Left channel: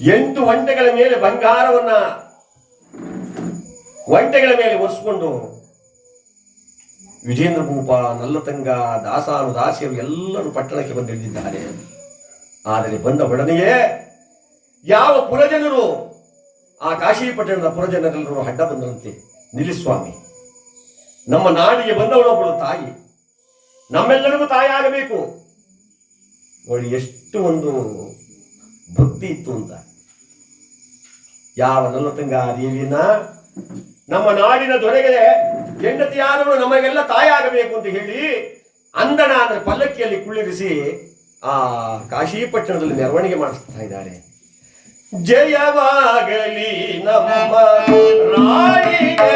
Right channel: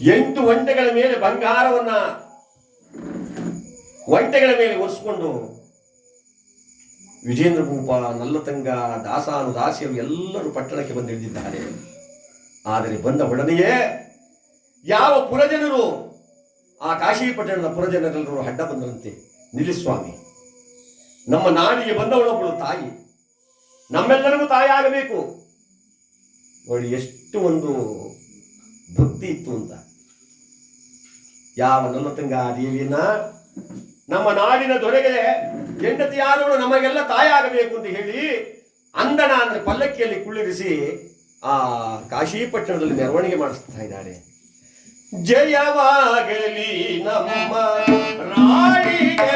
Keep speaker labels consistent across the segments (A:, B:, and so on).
A: ಎಂಟು ಒಂಟೆಗಳ ಮೇಲೆ ಬಂಗಾರವನ್ನ ಒಂಟೆಗಳ ಮೇಲೆ ಒರೆಸ್ಕೊಂಡು ವಿಜೇಂದ್ರ ಭೂಪ ನಲ್ಲತಂಗ, ದಾಸಾನು, ದಾಸಿಯರು ಎಲ್ಲರೂ ಪಟ್ಟಣಕ್ಕೆ ಬಂದಿಳಿದಿದ್ದಾರೆ ಆದರೆ ಬಂದ ಒಡನೆಯೇ ಯಾವ ಪುರಜನರು, ಆ ಕಾಶಿ ಪಟ್ಟಣದ ಪುರಜನರೆಲ್ಲರೂ ಅಡ್ಡ ಬಂದರಂತೆ. ನಿಲ್ಲಿಸ್ವಾಮಿ ನಮ್ಮ ನಾಡಿಗೆ ಬಂದವಳೊಬ್ಬಳು ತಾಯಿ. ನಮ್ಮೆಲ್ಲರಿಗೂ ತಾಯಿಯಾಗಬೇಕು. ನೋಡಿ ಎಷ್ಟು ಒಂದು ಭಕ್ತಿ ಇತ್ತು ಅಂತ. ಯಾವ ನಲ್ಲತಂಗ ದೇವಿಯನ್ನ ನಮ್ಮ ನಾಡಿನ ದೊರೆಗೆ ಹೆಂಡತಿಯಾದವಳು ನಮಗೆಲ್ಲ ತಾಯಾಗಬೇಕು ಅಂತ ಹೇಳಿ ಅಂದನ ಅಂದ್ರೆ ಪಲ್ಲಕ್ಕಿಯಲ್ಲಿ ಕುಳ್ಳಿರಿಸಿ ಆ ಕಾಶಿಪಟ್ಟಣದಲ್ಲಿ ಮೆರವಣಿಗೆ ಮಾಡಿಸ್ತಾ ಇದ್ದಾರೆ ಜಯವಾಗಲಿ ನಮ್ಮ ರಾಣಿಗೆ.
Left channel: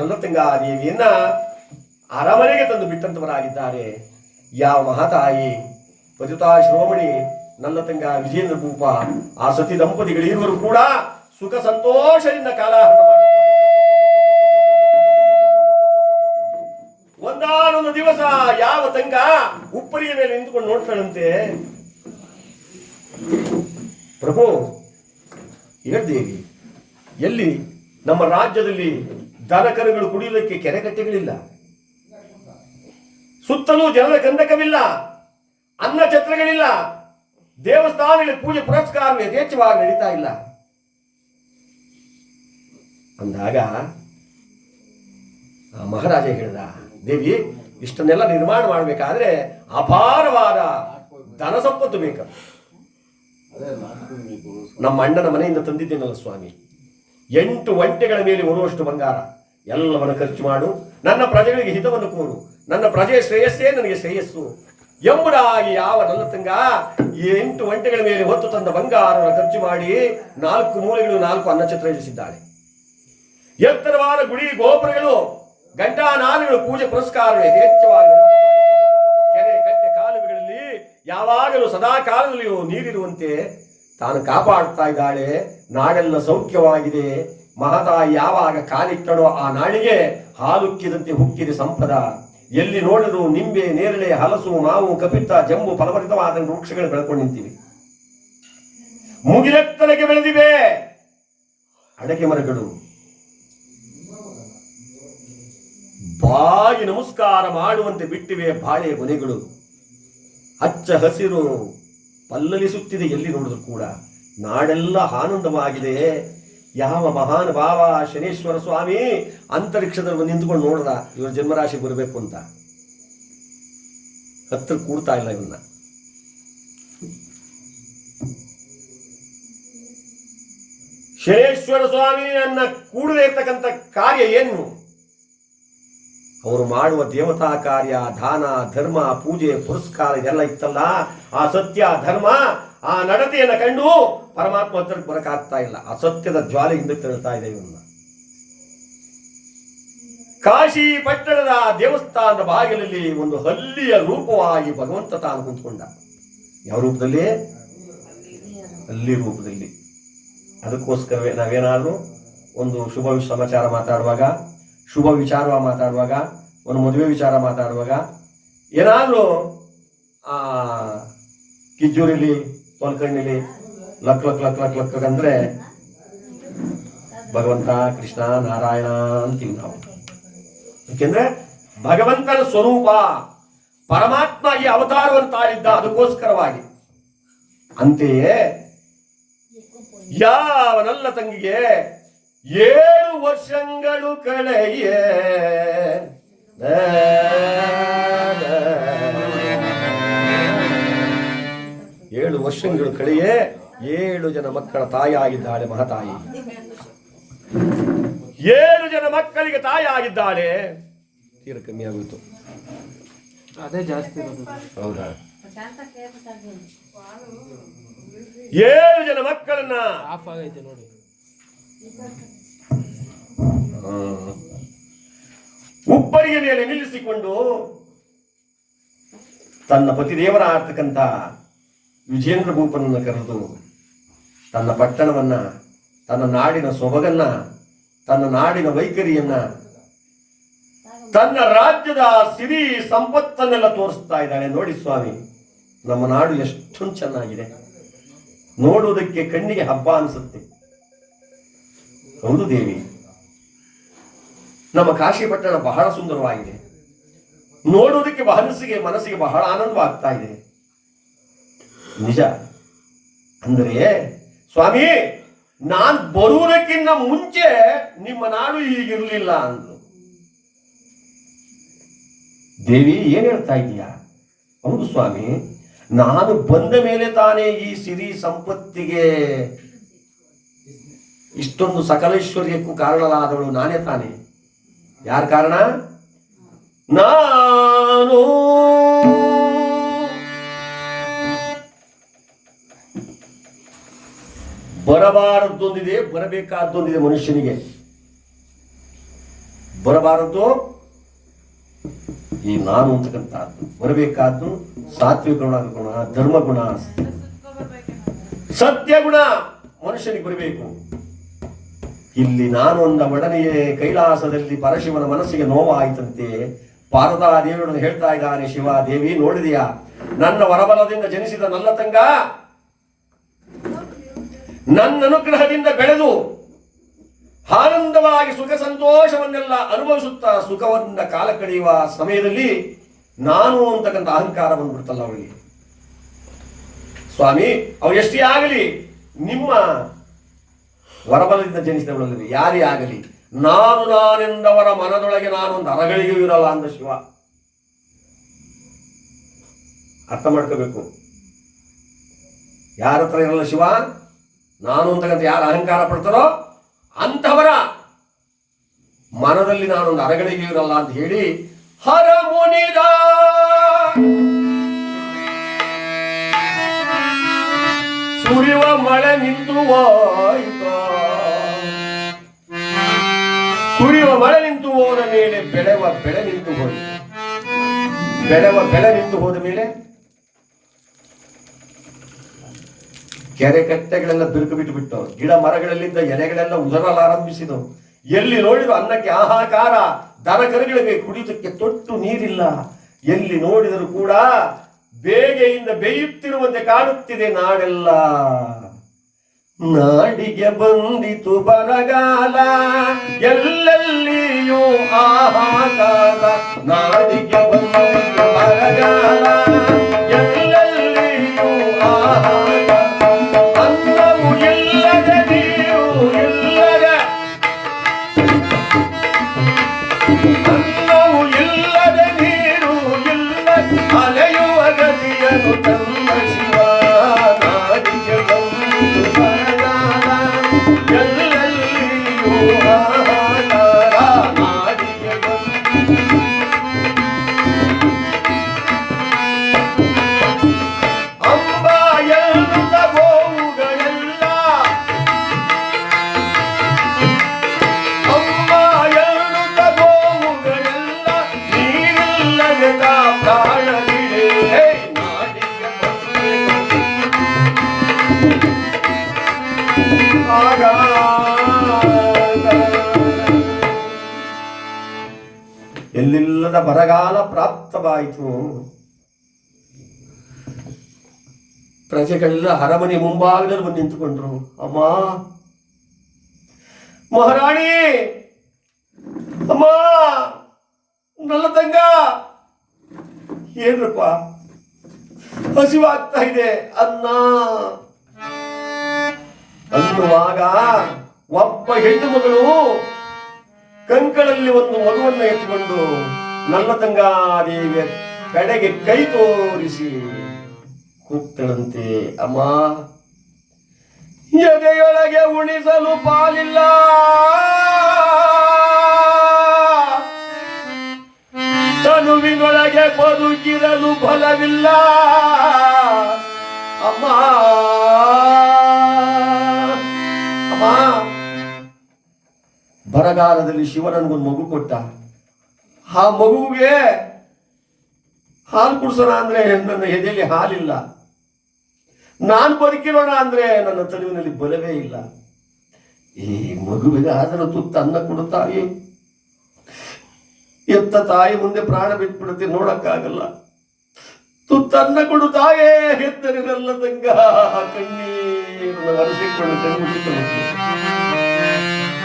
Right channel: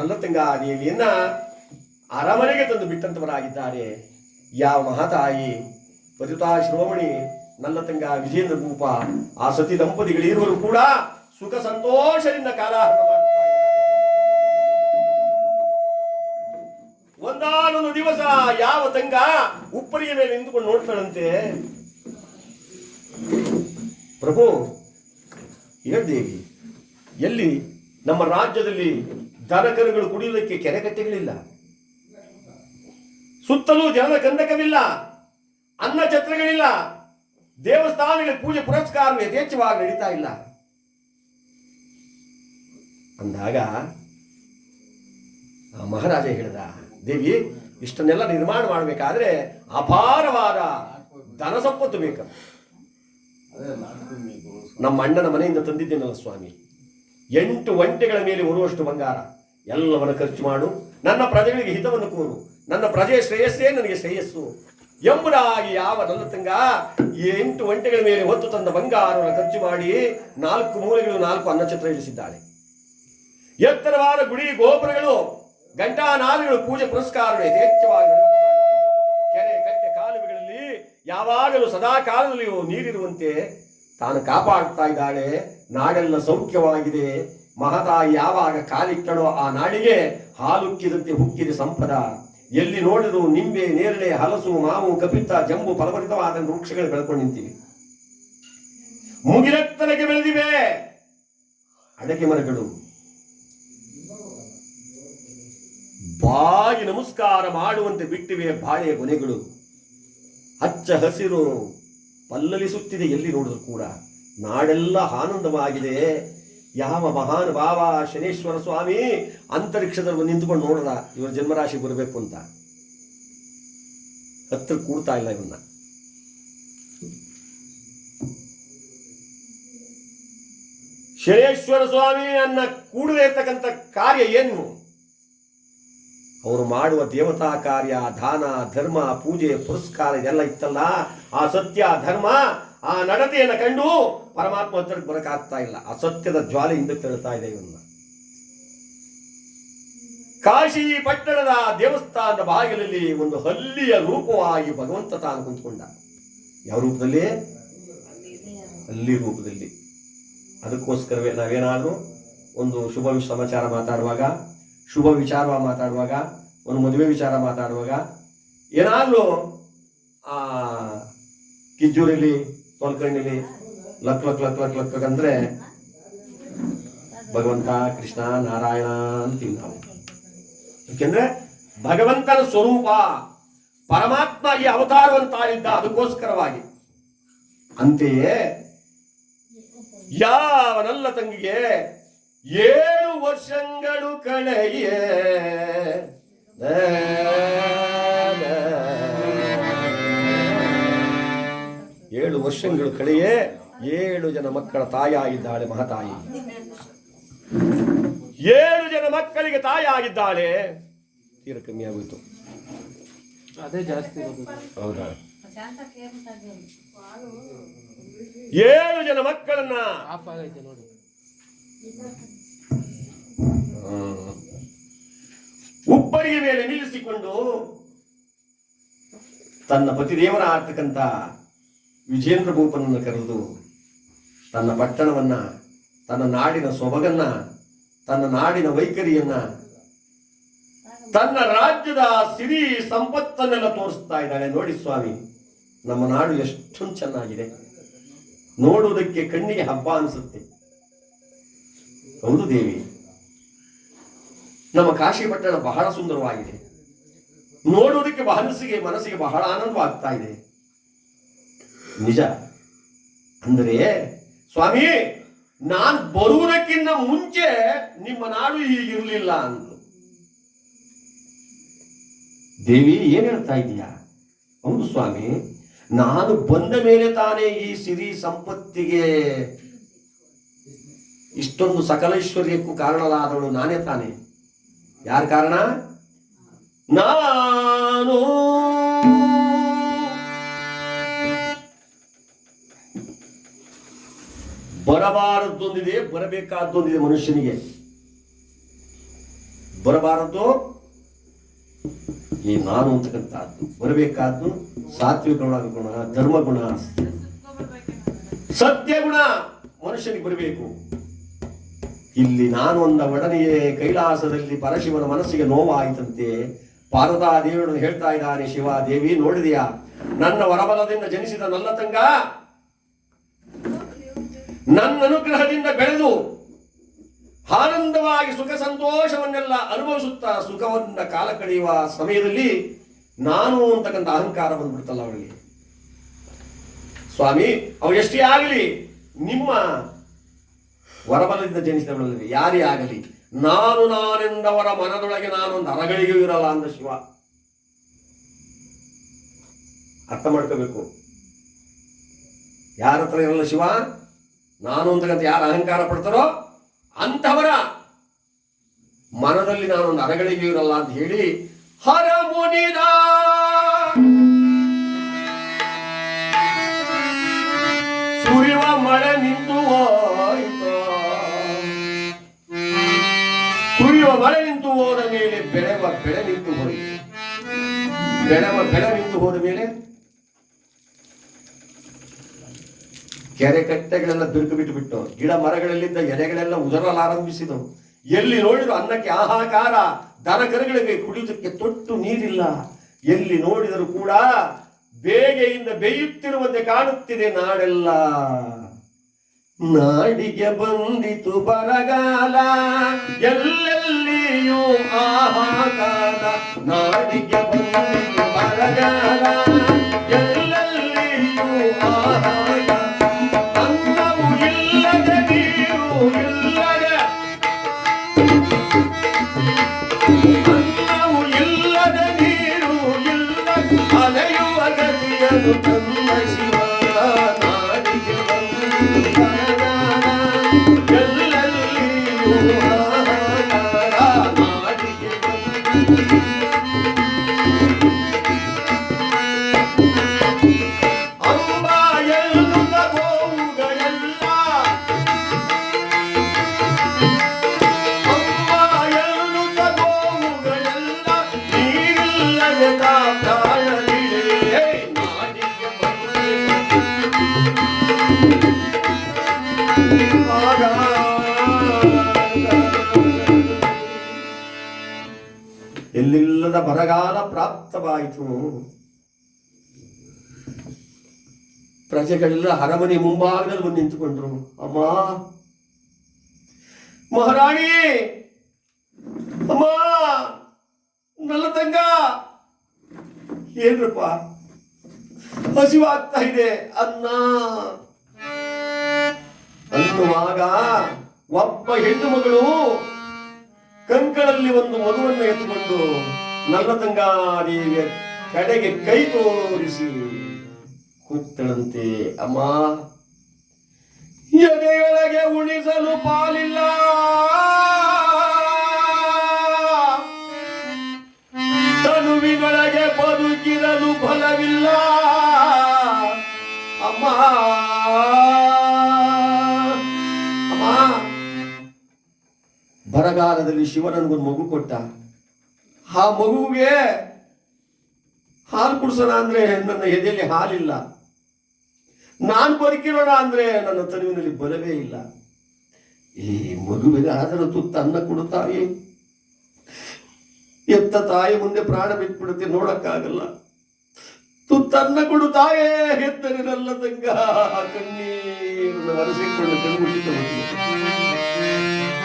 A: ಯಾವ ತಂಗಾ ದೇವಿಯನ್ನ ಅರಮನೆಗೆ ತಂದು ಬಿಟ್ಟಂತವರಾಗಿದ್ದಾರೆ. ಯಾವ ಮಹಾತಾಯಿ, ಪತಿತಾ ಶ್ರೋಮಣಿ ನಲ್ಲತಂಗ ವಿಜೇಂದ್ರ ಭೂಪ, ಆ ಸತಿ ದಂಪತಿಗಳಿರುವರು ಕೂಡ ಸುಖ ಸಂತೋಷದಿಂದ ಮಾಡ್ತಾರೆ ಒಂದಾನೊಂದು ದಿವಸ ಯಾವ ತಂಗ ಉಪ್ಪರಿಯ ಮೇಲೆ ನಿಂತುಕೊಂಡು ನೋಡ್ತಾಳಂತೆ? ಪ್ರಭು, ಹೇಳ್ದೇವಿ, ಎಲ್ಲಿ ನಮ್ಮ ರಾಜ್ಯದಲ್ಲಿ ದನಕರುಗಳು ಕುಡಿಯಲಿಕ್ಕೆ ಕೆರೆ ಕಟ್ಟೆಗಳಿಲ್ಲ ಸುತ್ತಲೂ ಜನರ ಕಂದಕವಿಲ್ಲ ಅನ್ನ ಛತ್ರಗಳಿಲ್ಲ. ದೇವಸ್ಥಾನಗಳ ಪೂಜೆ ಪುರಸ್ಕಾರ ಯಥೇಚ್ಛವಾಗಿ ನಡೀತಾ ಇಲ್ಲ. ಅಂದಾಗ ಮಹಾರಾಜ ಹೇಳಿದ, ದೇವಿ, ಇಷ್ಟನ್ನೆಲ್ಲ ನಿರ್ಮಾಣ ಮಾಡಬೇಕಾದ್ರೆ ಅಪಾರವಾದ ಧನ ಸಂಪತ್ತು ಬೇಕು. ನಮ್ಮ ಅಣ್ಣನ ಮನೆಯಿಂದ ತಂದಿದ್ದೇನಲ್ಲ ಸ್ವಾಮಿ? ಎಂಟು ಒಂಟೆಗಳ ಮೇಲೆ ಬರುವಷ್ಟು ಬಂಗಾರ. ಎಲ್ಲವನ್ನು ಖರ್ಚು ಮಾಡು. ನನ್ನ ಪ್ರಜೆಗಳಿಗೆ ಹಿತವನ್ನು ಕೋರು. ನನ್ನ ಪ್ರಜೆಯ ಶ್ರೇಯಸ್ಸೇ ನನಗೆ ಶ್ರೇಯಸ್ಸು. ಎಂಬುದಾಗಿ ಯಾವ ನನ್ನ ಈ ಎಂಟು ಗಂಟೆಗಳ ಮೇಲೆ ಹೊತ್ತು ತಂದ ಬಂಗಾರವನ್ನು ಖರ್ಚು ಮಾಡಿ ನಾಲ್ಕು ಮೂಲೆಗಳು, ನಾಲ್ಕು ಅನ್ನಛತ್ರ ಇಳಿಸಿದ್ದಾಳೆ ಎತ್ತರವಾದ ಗುಡಿ, ಗೋಪುರಗಳು, ಘಂಟಾನಾದಗಳು, ಪೂಜೆ ಪುರಸ್ಕಾರಗಳು ಯಥೇಚ್ಛವಾಗಿ. ಕೆರೆ, ಕಟ್ಟೆ, ಕಾಲುವೆಗಳಲ್ಲಿ ಯಾವಾಗಲೂ ಸದಾ ಕಾಲದಲ್ಲಿಯೂ ನೀರಿರುವಂತೆ ತಾನು ಕಾಪಾಡುತ್ತಾ ಇದ್ದಾಳೆ. ನಾಡೆಲ್ಲ ಸೌಖ್ಯವಾಗಿದೆ. ಮಹತಾಯಿ ಯಾವಾಗ ಕಾಲಿಟ್ಟಳೋ ಆ ನಾಳಿಗೆ ಹಾಲುಕ್ಕಿದಂತೆ ಹುಕ್ಕಿದೆ ಸಂಪದ. ಎಲ್ಲಿ ನೋಡಿದ್ರು ನಿಂಬೆ, ನೇರಳೆ, ಹಲಸು, ಮಾವು, ಕಪಿತ್ತ, ಜಂಬು ಫಲಭರಿತವಾದ ವೃಕ್ಷಗಳು ಬೆಳ್ಕೊಂಡು ನಿಂತಿವೆ. ಬೆಳೆದಿವೆ. ಅಡಕೆ ಮರಗಳು. ಬಾಗಿ ನಮಸ್ಕಾರ ಮಾಡುವಂತೆ ಬಿಟ್ಟಿವೆ ಬಾಳೆಯ ಕೊನೆಗಳು ಹಚ್ಚ ಹಸಿರು ಪಲ್ಲಲಿಸುತ್ತಿದೆ ಎಲ್ಲಿ ನೋಡಿದ್ರು ಕೂಡ. ನಾಡೆಲ್ಲ ಆನಂದವಾಗಿದೆ. ಯಾವ ಮಹಾನ್ ಮಹಾನುಭಾವ ಶನೇಶ್ವರ ಸ್ವಾಮಿ ಅಂತರಿಕ್ಷದಲ್ಲಿ ನಿಂತುಕೊಂಡು ನೋಡ್ದ, ಇವ್ರ ಜನ್ಮರಾಶಿ ಬರಬೇಕು ಅಂತ. ಹತ್ರ ಕೂಡ್ತಾ ಇಲ್ಲ ಇವನ್ನ ಶನೇಶ್ವರ ಸ್ವಾಮಿಯನ್ನ ಕೂಡದೇ ಇರ್ತಕ್ಕಂಥ ಕಾರ್ಯ ಏನು? ಅವರು ಮಾಡುವ ದೇವತಾ ಕಾರ್ಯ, ದಾನ, ಧರ್ಮ, ಪೂಜೆ, ಪುರಸ್ಕಾರ ಇದೆಲ್ಲ ಇತ್ತಲ್ಲ, ಆ ಸತ್ಯ, ಧರ್ಮ ಆ ನಡತೆಯನ್ನು ಕಂಡು ಪರಮಾತ್ಮ ಹತ್ರಕ್ಕೆ ಬರಕಾಗ್ತಾ ಇಲ್ಲ. ಅಸತ್ಯದ ಸತ್ಯದ ಜ್ವಾಲೆ ಹಿಂದಕ್ಕೆ ತಳ್ತಾ ಇದೆ ಇವನ್ನ. ಕಾಶಿ ಪಟ್ಟಣದ ದೇವಸ್ಥಾನದ ಬಾಗಿಲಲ್ಲಿ ಒಂದು ಹಲ್ಲಿಯ ರೂಪವಾಗಿ ಭಗವಂತ ತಾನು ಕುಂತ್ಕೊಂಡ. ಯಾವ ರೂಪದಲ್ಲಿ? ಹಲ್ಲಿ ರೂಪದಲ್ಲಿ. ಅದಕ್ಕೋಸ್ಕರವೇ ನಾವೇನಾದರೂ ಒಂದು ಶುಭ ಸಮಾಚಾರ ಮಾತಾಡುವಾಗ, ಶುಭ ವಿಚಾರ ಮಾತಾಡುವಾಗ, ಒಂದು ಮದುವೆ ವಿಚಾರ ಮಾತಾಡುವಾಗ, ಏನಾದರೂ, ಆ ಕಿಜ್ಜೂರಿಲಿ ಕಣ್ಣಿಲಿ luck luck luck luck luck ಅಂದ್ರೆ ಭಗವಂತ ಕೃಷ್ಣ ನಾರಾಯಣ ಅಂತೀವಿ ನಾವು. ಯಾಕೆಂದ್ರೆ ಭಗವಂತನ ಸ್ವರೂಪ ಪರಮಾತ್ಮ ಈ ಅವತಾರವನ್ನು ತಾರಿದ್ದ ಅದಕ್ಕೋಸ್ಕರವಾಗಿ. ಅಂತೆಯೇ ಯಾವನಲ್ಲ ತಂಗಿಗೆ ಏಳು ವರ್ಷಗಳು ಕಳೆಯೇ. ಏಳು ವರ್ಷಗಳು ಕಳೆಯೇ ಏಳು ಜನ ಮಕ್ಕಳ ತಾಯಿಯಾಗಿದ್ದಾಳೆ ಮಹತಾಯಿ. ಏಳು ಜನ ಮಕ್ಕಳಿಗೆ ತಾಯಿಯಾಗಿದ್ದಾಳೆ ತೀರ ಕಮ್ಮಿ ಆಗೋಯ್ತು.
B: ಅದೇ ಜಾಸ್ತಿ ಇರೋದು.
A: ಹೌದಾ? ಏಳು ಜನ ಮಕ್ಕಳನ್ನ
B: ಆಫ್ ಆಗೈತೆ ನೋಡಿ.
A: ಹ್ಮ್. ಉಪ್ಪರಿಯ ಮೇಲೆ ನಿಲ್ಲಿಸಿಕೊಂಡು ತನ್ನ ಪತಿದೇವರ ಆಗ್ತಕ್ಕಂಥ ವಿಜೇಂದ್ರ ಭೂಪನನ್ನು ಕರೆದು ತನ್ನ ಪಟ್ಟಣವನ್ನು, ತನ್ನ ನಾಡಿನ ಸೊಬಗನ್ನು, ತನ್ನ ನಾಡಿನ ವೈಖರಿಯನ್ನು, ತನ್ನ ರಾಜ್ಯದ ಸಿರಿ ಸಂಪತ್ತನ್ನೆಲ್ಲ ತೋರಿಸ್ತಾ ಇದ್ದಾಳೆ. ನೋಡಿ ಸ್ವಾಮಿ, ನಮ್ಮ ನಾಡು ಎಷ್ಟೊಂದು ಚೆನ್ನಾಗಿದೆ. ನೋಡುವುದಕ್ಕೆ ಕಣ್ಣಿಗೆ ಹಬ್ಬ ಅನಿಸುತ್ತೆ. ಹೌದು ದೇವಿ, ನಮ್ಮ ಕಾಶಿ ಪಟ್ಟಣ ಬಹಳ ಸುಂದರವಾಗಿದೆ. ನೋಡುವುದಕ್ಕೆ ಮನಸ್ಸಿಗೆ ಮನಸ್ಸಿಗೆ ಬಹಳ ಆನಂದವಾಗ್ತಾ ಇದೆ. ನಿಜ. ಅಂದರೆ, ಸ್ವಾಮಿ, ನಾನು ಬರುವುದಕ್ಕಿಂತ ಮುಂಚೆ ನಿಮ್ಮ ನಾಡು ಹೀಗಿರಲಿಲ್ಲ ಅಂದ್ರು. ದೇವಿ, ಏನು ಹೇಳ್ತಾ ಇದೀಯಾ ಹೌದು ಸ್ವಾಮಿ, ನಾನು ಬಂದ ಮೇಲೆ ತಾನೇ ಈ ಸಿರಿ ಸಂಪತ್ತಿಗೆ ಇಷ್ಟೊಂದು ಸಕಲೈಶ್ವರ್ಯಕ್ಕೂ ಕಾರಣರಾದವಳು ನಾನೇ ತಾನೇ. ಯಾರ ಕಾರಣ? ನಾನು. ಬರಬಾರದ್ದೊಂದಿದೆ, ಬರಬೇಕಾದ್ದೊಂದಿದೆ ಮನುಷ್ಯನಿಗೆ. ಬರಬಾರದ್ದು ಈ ನಾನು ಅಂತಕ್ಕಂಥದ್ದು. ಬರಬೇಕಾದ್ದು ಸಾತ್ವಿಕ ಗುಣ ಗುಣ, ಧರ್ಮ ಗುಣ. ಸತ್ಯ ಗುಣ ಮನುಷ್ಯನಿಗೆ ಬರಬೇಕು. ಇಲ್ಲಿ ನಾನು ಒಂದ ಒಡನೆಯೇ ಕೈಲಾಸದಲ್ಲಿ ಪರಶಿವನ ಮನಸ್ಸಿಗೆ ನೋವಾಯಿತಂತೆ. ಪಾರದಾ ದೇವರನ್ನು ಹೇಳ್ತಾ ಇದ್ದಾನೆ ಶಿವ ದೇವಿ ನೋಡಿದೆಯಾ? ನನ್ನ ವರಬಲದಿಂದ ಜನಿಸಿದ ನನ್ನ ತಂಗ ನನ್ನ ಅನುಗ್ರಹದಿಂದ ಬೆಳೆದು ಆನಂದವಾಗಿ ಸುಖ ಸಂತೋಷವನ್ನೆಲ್ಲ ಅನುಭವಿಸುತ್ತಾ ಸುಖವನ್ನ ಕಾಲ ಕಳೆಯುವ ಸಮಯದಲ್ಲಿ ನಾನು ಅಂತಕ್ಕಂಥ ಅಹಂಕಾರ ಬಂದ್ಬಿಡ್ತಲ್ಲ ಅವಳಿಗೆ ಸ್ವಾಮಿ, ಅವ ಎಷ್ಟೇ ಆಗಲಿ, ನಿಮ್ಮ ವರಬಲದಿಂದ ಜನಿಸಿದವಳಲ್ಲಿ ಯಾರೇ ಆಗಲಿ, ನಾನು ನಾನೆಂದವರ ಮನದೊಳಗೆ ನಾನೊಂದು ಅರಗಳಿಗೂ ಇರಲ್ಲ ಅಂದ ಶಿವ. ಅರ್ಥ ಮಾಡ್ಕೋಬೇಕು. ಯಾರ ಹತ್ರ ಇರಲ್ಲ ಶಿವ? ನಾನು ಅಂತಕ್ಕಂಥ ಯಾರು ಅಹಂಕಾರ ಪಡ್ತಾರೋ ಅಂಥವರ ಮನದಲ್ಲಿ ನಾನೊಂದು ಅರಗಳಿಗೆ ಇರಲ್ಲ ಅಂತ ಹೇಳಿ, ಹರ ಮುನಿದ ಸುರಿವ ಮಳೆ ನಿಂತು ಕುರಿಯುವ ಮಳೆ ನಿಂತು ಹೋದ ಮೇಲೆ ಬೆಳೆವ ಬೆಳೆ ನಿಂತು ಹೋಯಿತು. ಬೆಳೆವ ಬೆಳೆ ನಿಂತು ಹೋದ ಮೇಲೆ ಕೆರೆ ಕಟ್ಟೆಗಳೆಲ್ಲ ಬಿರುಕು ಬಿಟ್ಟು ಬಿಟ್ಟು ಗಿಡ ಮರಗಳಲ್ಲಿದ್ದ ಎಲೆಗಳೆಲ್ಲ ಉದರಲಾರಂಭಿಸಿದವು ಎಲ್ಲಿ ನೋಡಿದ್ರು ಅನ್ನಕ್ಕೆ ಆಹಾಕಾರ, ದನ ಕರುಗಳಿಗೆ ಕುಡಿಯುವುದಕ್ಕೆ ತೊಟ್ಟು ನೀರಿಲ್ಲ. ಎಲ್ಲಿ ನೋಡಿದರೂ ಕೂಡ ಬೇಗೆಯಿಂದ ಬೇಯುತ್ತಿರುವಂತೆ ಕಾಣುತ್ತಿದೆ ನಾಡೆಲ್ಲ. ನಾಡಿಗೆ ಬಂದಿತು ಬರಗಾಲ, ಎಲ್ಲೆಲ್ಲಿಯೂ ಆಹಾಕಾರ, ನಾಡಿಗೆ ಬರಗಾಲ ಪ್ರಾಪ್ತವಾಯಿತು. ಪ್ರಜೆಗಳೆಲ್ಲ ಅರಮನೆ ಮುಂಭಾಗದಲ್ಲಿ ಬಂದು ನಿಂತುಕೊಂಡ್ರು. ಅಮ್ಮ, ಮಹಾರಾಣಿ, ಅಮ್ಮ, ನನ್ನ ತಂಗ. ಏನ್ರಪ್ಪ? ಹಸಿವಾಗ್ತಾ ಇದೆ, ಅನ್ನ. ಅನ್ನುವಾಗ ಒಬ್ಬ ಹೆಣ್ಣು ಮಗಳು ಕಂಕಳಲ್ಲಿ ಒಂದು ಮಗುವನ್ನು ಎತ್ತಿಕೊಂಡು ನನ್ನ ತಂಗಾದೇವಿಯ ಕಡೆಗೆ ಕೈ ತೋರಿಸಿ ಕೂತಳಂತೆ ಅಮ್ಮ. ಎದೆಯೊಳಗೆ ಉಣಿಸಲು ಪಾಲಿಲ್ಲ. ತನುವಿನೊಳಗೆ ಬದುಕಿರಲು ಫಲವಿಲ್ಲ ಅಮ್ಮ. ಅಮ್ಮ. ಬರಗಾಲದಲ್ಲಿ ಶಿವನನ್ಗೊಂದು ಮಗು ಕೊಟ್ಟ. ಆ ಮಗುವಿಗೆ ಹಾಲು ಕುಡಿಸೋಣ ಅಂದ್ರೆ ನನ್ನ ಎದೆಯಲ್ಲಿ ಹಾಲಿಲ್ಲ. ನಾನು ಬದುಕಿರೋಣ ಅಂದ್ರೆ ನನ್ನ ತನುವಿನಲ್ಲಿ ಬಲವೇ ಇಲ್ಲ. ಈ ಮಗುವಿಗೆ ಆದರೂ ತುತ್ತ ಅನ್ನ ಕೊಡುತ್ತಾಯಿ ತಾಯಿ. ಎತ್ತ ತಾಯಿ ಮುಂದೆ ಪ್ರಾಣ ಬಿಟ್ಬಿಡುತ್ತೆ, ನೋಡಕ್ಕಾಗಲ್ಲ. ತುತ್ತನ್ನ ಕೊಡು ತಾಯೇ ಹೆತ್ತರಿರಲ್ಲ ತಂಗ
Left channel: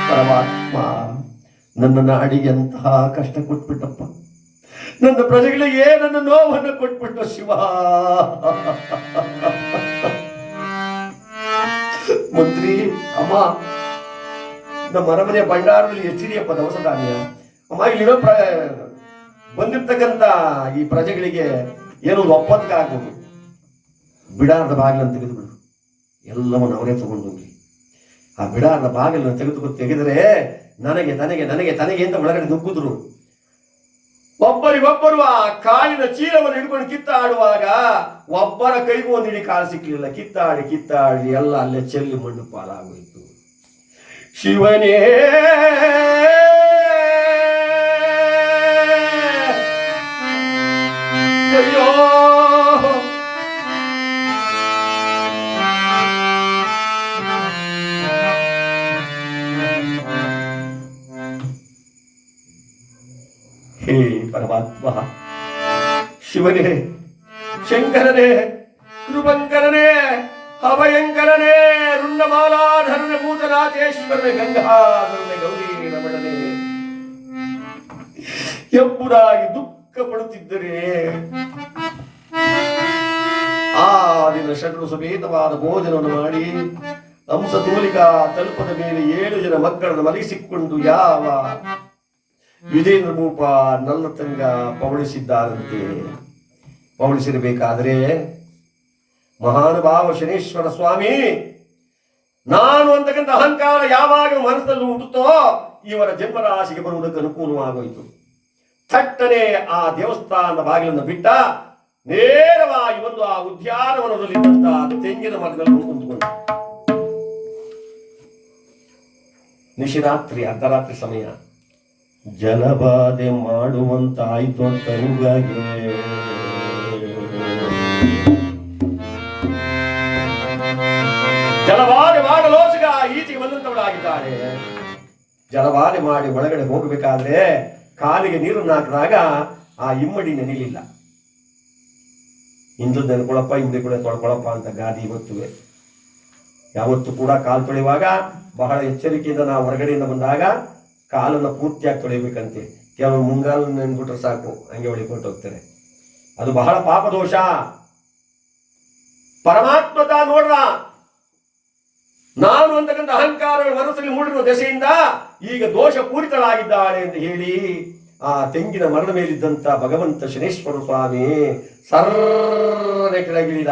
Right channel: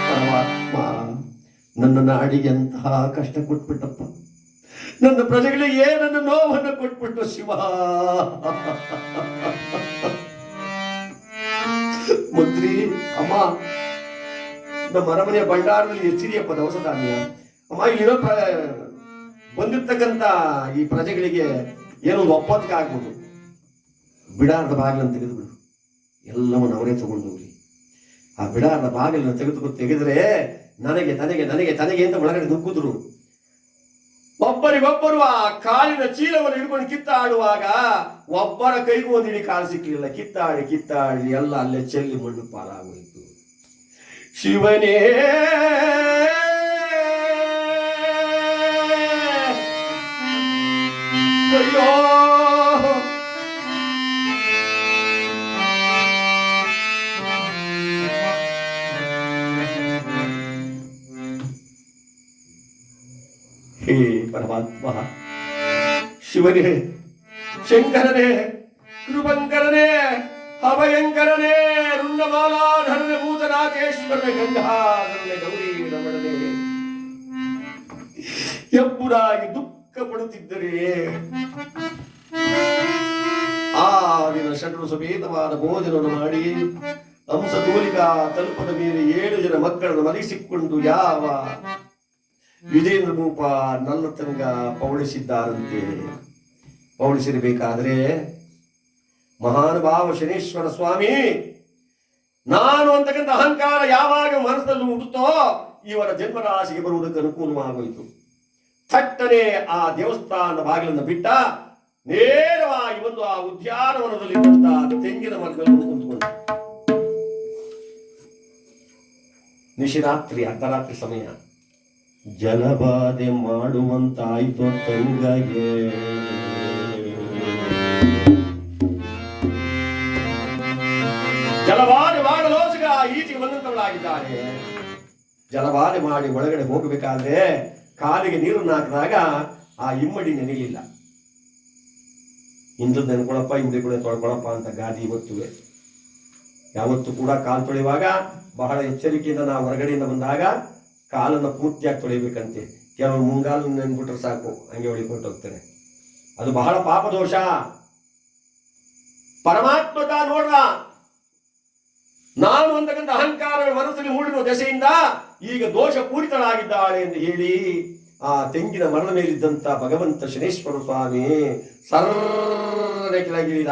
A: ಪರಮಾತ್ಮ. ನನ್ನ ನಾಡಿಗೆ ಅಂತಹ ಕಷ್ಟ ಕೊಟ್ಬಿಟ್ಟಪ್ಪ. ನನ್ನ ಪ್ರಜೆಗಳಿಗೆ ನನ್ನ ನೋವನ್ನು ಕೊಟ್ಬಿಟ್ಟು ಶಿವ. ಮಂತ್ರಿ ಅಮ್ಮ, ನಮ್ಮ ಅರಮನೆಯ ಭಂಡಾರದಲ್ಲಿ ಹೆಚ್ಚಿದೆಯಪ್ಪ ದವಸ ಧಾನ್ಯ. ಅಮ್ಮ, ಇಲ್ಲಿರೋ ಪ್ರ, ಬಂದಿರ್ತಕ್ಕಂಥ ಈ ಪ್ರಜೆಗಳಿಗೆ ಏನೋ ಒಂದು ಒಪ್ಪತ್ತಿಗೆ ಆಗ್ಬೋದು. ಬಿಡಾರದ ಬಾಗಿಲನ್ನು ತೆಗೆದುಬಿಡು. ಎಲ್ಲವನ್ನು ಅವರೇ ತಗೊಂಡು ಹೋಗ್ಲಿ. ಆ ಬಿಡಾರದ ಬಾಗಿಲನ್ನು ತೆಗೆದುಕೊಂಡು ತೆಗೆದರೆ ನನಗೆ, ತನಗೆ ನನಗೆ, ತನಗೆ ಅಂತ ಒಳಗಡೆ ನುಗ್ಗಿದ್ರು. ಒಬ್ಬರಿಗೊಬ್ಬರು ಆ ಕಾಲಿನ ಚೀಲವನ್ನು ಹಿಡ್ಕೊಂಡು ಕಿತ್ತಾಡುವಾಗ ಒಬ್ಬರ ಕೈಗೂ ಒಂದು ಇಡೀ ಕಾಲು ಸಿಕ್ಕಲಿಲ್ಲ ಕಿತ್ತಾಡಿ ಕಿತ್ತಾಡಿ ಎಲ್ಲ ಅಲ್ಲೇ ಚೆಲ್ಲಿ ಮಣ್ಣು ಪಾಲಾಗೋಯ್ತು. ಶಿವನೇ, ಅಯ್ಯೋ! ಪರಮಾತ್ಮ ಶಿವನೇ, ಶಂಕರನೇ, ಕೃಪಂಕರನೇ ಅಭಯಂಕರನೇ ರುಂಡಮಾಲಾಧರಣ ಭೂತನಾಥೇಶ್ವರನೇ, ಗಂಗಾಧರನೆ, ಗೌರಿ ರಮಣನೇ. ಎಂಬುದಾಗಿ ದುಃಖ ಪಡುತ್ತಿದ್ದರೆ ಆ ದಿನ ಷಡ್ರು ಸಮೇತವಾದ ಭೋಜನವನ್ನು ಮಾಡಿ ಹಂಸ ತೋಲಿಕಾ ತಲುಪದ ಮೇಲೆ ಏಳು ಜನ ಮಕ್ಕಳನ್ನು ಮಲಗಿಸಿಕೊಂಡು ಯಾವ ವಿಜೇಂದ್ರ ಭೂಪ ನನ್ನ ತಂಗ ಪೌಳಿಸಿದ್ದಾರಂತೆ. ಪೌಳಿಸಿರಬೇಕಾದರೆ ಮಹಾನುಭಾವ ಶನೇಶ್ವರ ಸ್ವಾಮಿ ನಾನು ಅಂತಕ್ಕಂಥ ಅಹಂಕಾರ ಯಾವಾಗ ಮನಸ್ಸಲ್ಲಿ ಹುಟ್ಟುತ್ತೋ ಇವರ ಜನ್ಮರಾಶಿಗೆ ಬರುವುದಕ್ಕೆ ಅನುಕೂಲವಾಗೋಯಿತು. ಥಟ್ಟನೆ ಆ ದೇವಸ್ಥಾನದ ಬಾಗಿಲನ್ನು ಬಿಟ್ಟ ನೇರವಾಗಿ ಒಂದು ಆ ಉದ್ಯಾನವನದಲ್ಲಿ ತೆಂಗಿನ ಮರದಲ್ಲಿ ಕುಂತ್ಕೊಂಡು ನಿಶಿರಾತ್ರಿ ಅರ್ಧರಾತ್ರಿ ಸಮಯ. ಜಲಬಾಧೆ ಮಾಡುವಂತಾಯ್ತು ತಂಗಗೆ ಜಲಬಾಧೆ ಮಾಡಲೋಸಿಗ ಈಚೆಗೆ ಬಂದಂತವಳಾಗಿದ್ದಾರೆ ಜಲಬಾಧೆ ಮಾಡಿ ಒಳಗಡೆ ಹೋಗಬೇಕಾದ್ರೆ ಕಾಲಿಗೆ ನೀರನ್ನು ಹಾಕಿದಾಗ ಆ ಇಮ್ಮಡಿ ನೆನೆಯಲಿಲ್ಲ ಇಂದು ನೆನ್ಕೊಳಪ್ಪ ಹಿಂದೆ ಕೂಡ ತೊಳ್ಕೊಳಪ್ಪ ಅಂತ ಗಾದಿ ಇವತ್ತುವೆ ಯಾವತ್ತು ಕೂಡ ಕಾಲು ತೊಳೆಯುವಾಗ ಬಹಳ ಎಚ್ಚರಿಕೆಯಿಂದ ನಾವು ಹೊರಗಡೆಯಿಂದ ಬಂದಾಗ ಕಾಲನ್ನು ಪೂರ್ತಿಯಾಗಿ ತೊಳಿಬೇಕಂತೆ. ಕೆಲವು ಮುಂಗಾಲು ನೆನ್ಬಿಟ್ರೆ ಸಾಕು, ಹಂಗೆ ಹೊಳಿಕೊಂಡು ಹೋಗ್ತಾರೆ ಅದು ಬಹಳ ಪಾಪದೋಷ. ದೋಷ ತಾ ನೋಡ್ರ, ನಾನು ಅಂತಕ್ಕಂಥ ಅಹಂಕಾರಗಳು ಮನಸ್ಸಲ್ಲಿ ಮೂಡಿರುವ ದೆಸೆಯಿಂದ ಈಗ ದೋಷ ಪೂರಿತಳಾಗಿದ್ದಾಳೆ ಎಂದು ಹೇಳಿ, ಆ ತೆಂಗಿನ ಮರಣ ಮೇಲಿದ್ದಂತ ಭಗವಂತ ಶನೇಶ್ವರ ಸ್ವಾಮಿ ಸರ್ರನೆ ಕೆಳಗಿಳಿದ.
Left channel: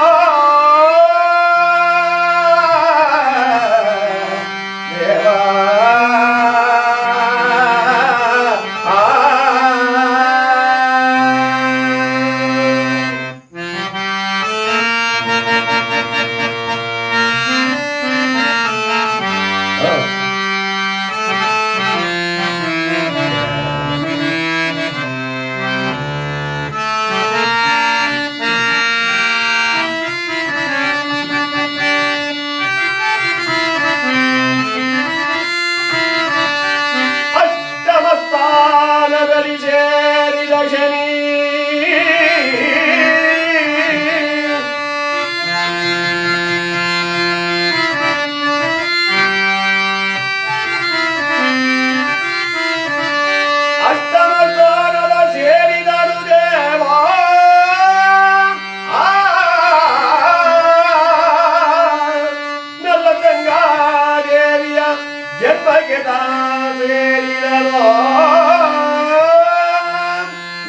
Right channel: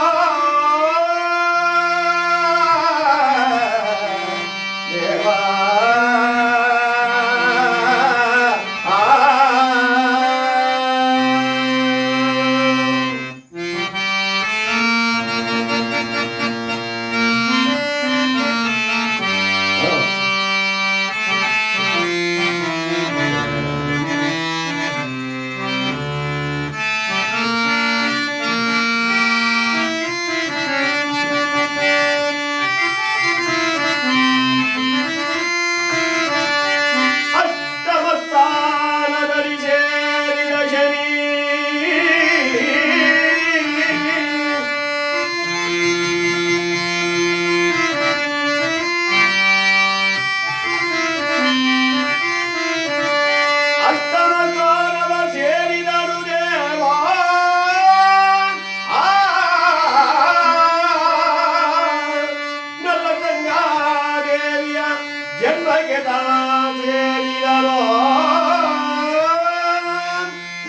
A: ಸೇರಿದರೋ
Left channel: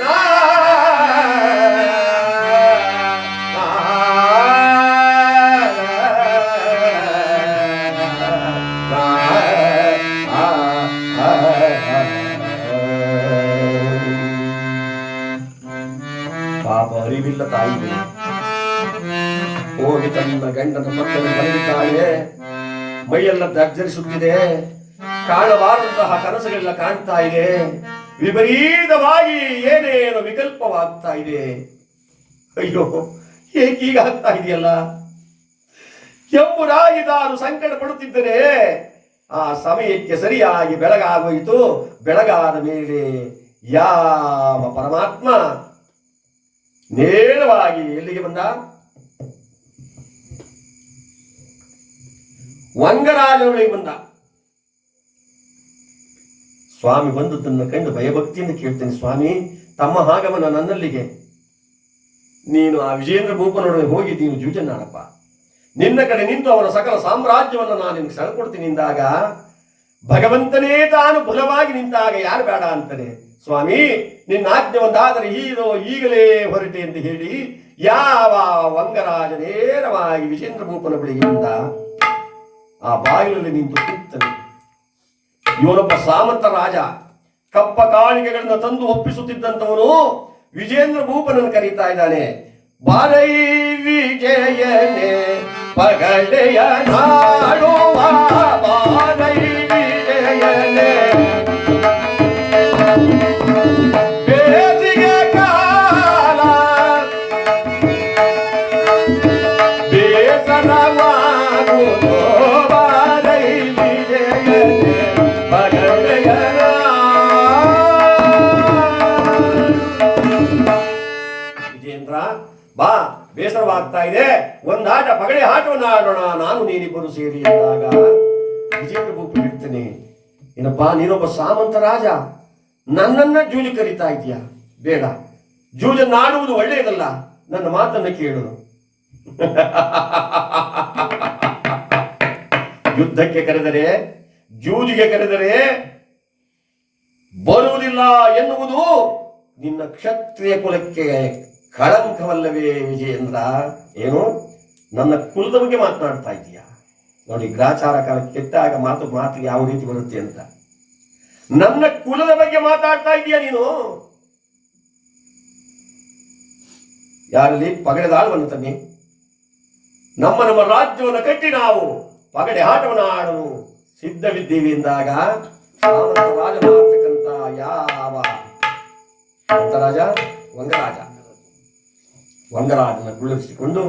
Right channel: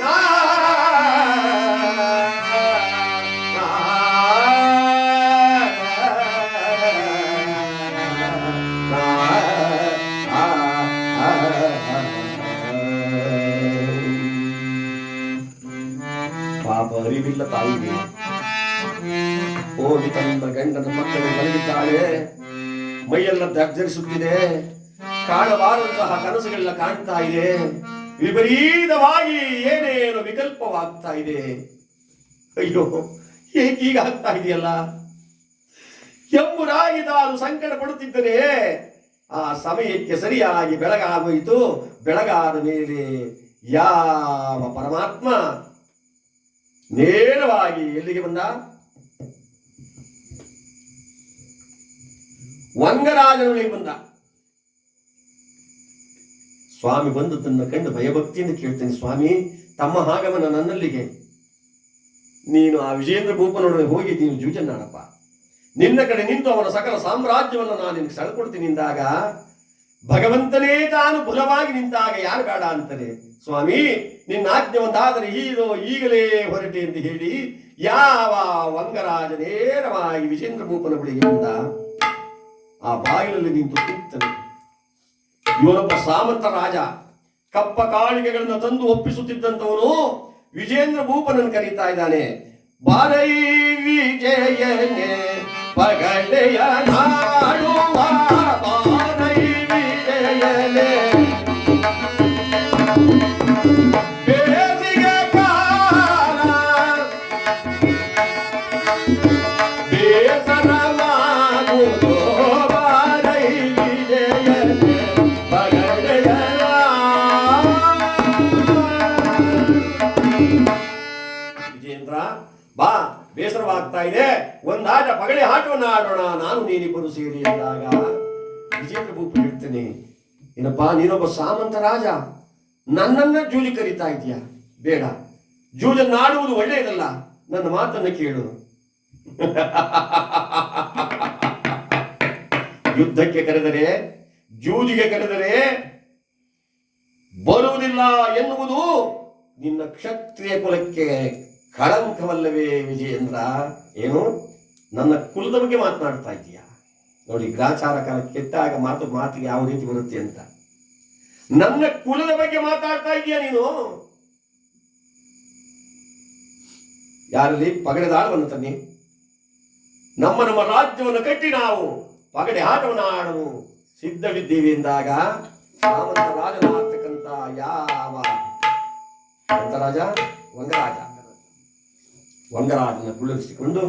A: ನಾ ಪಾಪ ಅರಿವಿಲ್ಲ ತಾಯಿಗೆ ಹೋಗಿ ತನ್ನ ಗಂಡನ ಪಕ್ಕದಲ್ಲಿ ಮಲಗಿದ್ದಾಳೆ. ಮೈಯೆಲ್ಲ ದರ್ಜರಿಸುತ್ತಿದೆ ಕಾಣಬಾರಂತಹ ಕನಸುಗಳೆಲ್ಲ ಕಾಣ್ತಾ ಇದೆ. ವಿಪರೀತವಾಗಿ ಏನೇನು ವಿಕಲ್ಪವಾಗ್ತಾ ಇದೆ. ಅಯ್ಯೋ ಹೀಗಾಗ್ತಾ ಇದೆಯಲ್ಲ ಎಂಬುದಾಗಿ ತಾನು ಸಂಕಟ ಪಡುತ್ತಿದ್ದರೆ ಆ ಸಮಯಕ್ಕೆ ಸರಿಯಾಗಿ ಬೆಳಗಾಗೋಯಿತು. ಬೆಳಗಾದ ಮೇಲೆ ಯಾವ ಪರಮಾತ್ಮ ನೇರವಾಗಿ ಎಲ್ಲಿಗೆ ಬಂದ? ವಂಗರಾಜನೊಳಗೆ ಬಂದ. ಸ್ವಾಮಿ ಬಂದದ್ದನ್ನು ಕಂಡು ಭಯಭಕ್ತಿಯಿಂದ ಕೇಳ್ತೇನೆ, ಸ್ವಾಮಿ, ತಮ್ಮ ಆಗಮನ ನನ್ನಲ್ಲಿಗೆ. ನೀನು ಆ ವಿಜೇಂದ್ರ ಭೂಪನೊಡನೆ ಹೋಗಿ ನೀನು ಜೂಜನ್ನಾಡಪ್ಪ ನಿನ್ನ ಕಡೆ ನಿಂತು ಅವನ ಸಕಲ ಸಾಮ್ರಾಜ್ಯವನ್ನು ನಾನು ನಿನಗೆ ಸೆಳ್ಕೊಡ್ತೀನಿ ಎಂದಾಗ ಭಗವಂತನೇ ತಾನು ಬಲವಾಗಿ ನಿಂತಾಗ ಯಾರು ಬೇಡ ಅಂತಾನೆ. ಸ್ವಾಮಿ, ನಿನ್ನ ಆಜ್ಞೆ ಒಂದಾದರೆ ಈರೋ ಈಗಲೇ ಹೊರಟೆ ಎಂದು ಹೇಳಿ ಯಾವ ವಂಗರಾಜ ನೇರವಾಗಿ ವಿಜೇಂದ್ರ ಭೂಪನ ಬಳಿಗೆ ಬಂದ, ಆ ಬಾಗಿಲಲ್ಲಿ ನಿಂತು ಕೂಗ್ತಾನೆ. ಇವನೊಬ್ಬ ಸಾಮಂತ ರಾಜ ಕಪ್ಪ ಕಾಳಿಗೆಗಳನ್ನು ತಂದು ಒಪ್ಪಿಸುತ್ತಿದ್ದಂಥವನು ವಿಜೇಂದ್ರ ಭೂಪನನ್ನು ಕರೀತಾ ಇದ್ದಾನೆ. ಬಾರೈ ವಿಜಯನೆ ಪಗಡೆಯ ನಾಡುವ ನೀನೊಬ್ಬ ಸಾಮಂತ ರಾಜ, ನನ್ನನ್ನ ಜೂಜು ಕರೀತಾ ಇದೆಯಾ ಬೇಡ. ಜೂಜನ್ನಾಡುವುದು ಒಳ್ಳೆಯದಲ್ಲ. ನನ್ನ ಮಾತನ್ನ ಕೇಳು. ಯುದ್ಧಕ್ಕೆ ಕರೆದರೆ, ಜೂಜಿಗೆ ಕರೆದರೆ ಬರುವುದಿಲ್ಲ ಎನ್ನುವುದು ನಿನ್ನ ಕ್ಷತ್ರಿಯ ಕುಲಕ್ಕೆ ಕಳಂಕವಲ್ಲವೇ ವಿಜಯೇಂದ್ರ. ಏನು? ನನ್ನ ಕುಲದ ಬಗ್ಗೆ ಮಾತನಾಡ್ತಾ ಇದೀಯ ನೋಡಿ, ಗ್ರಾಚಾರ ಕಾಲ ಕೆಟ್ಟಾಗ ಮಾತು ಮಾತು ಯಾವ ರೀತಿ ಬರುತ್ತೆ ಅಂತ. ನನ್ನ ಕುಲದ ಬಗ್ಗೆ ಮಾತಾಡ್ತಾ ಇದೀಯ ನೀನು? ಯಾರಲ್ಲಿ? ಪಗಡೆದ ಆಳುವನ್ನು ತನ್ನಿ. ನಮ್ಮ ನಮ್ಮ ರಾಜ್ಯವನ್ನು ಕಟ್ಟಿ ನಾವು. ಪಗಡೆ ಆಟವನ್ನು ಆಡಲು ಸಿದ್ಧವಿದ್ದೀವಿ ಎಂದಾಗ ಸಾಮಂತ ರಾಜನಾಗ್ತಕ್ಕಂಥ ಯಾವ? ರಾಜ ವಂಗರಾಜ. ವಂಗರಾಜನ ಕುಳ್ಳಿರಿಸಿಕೊಂಡು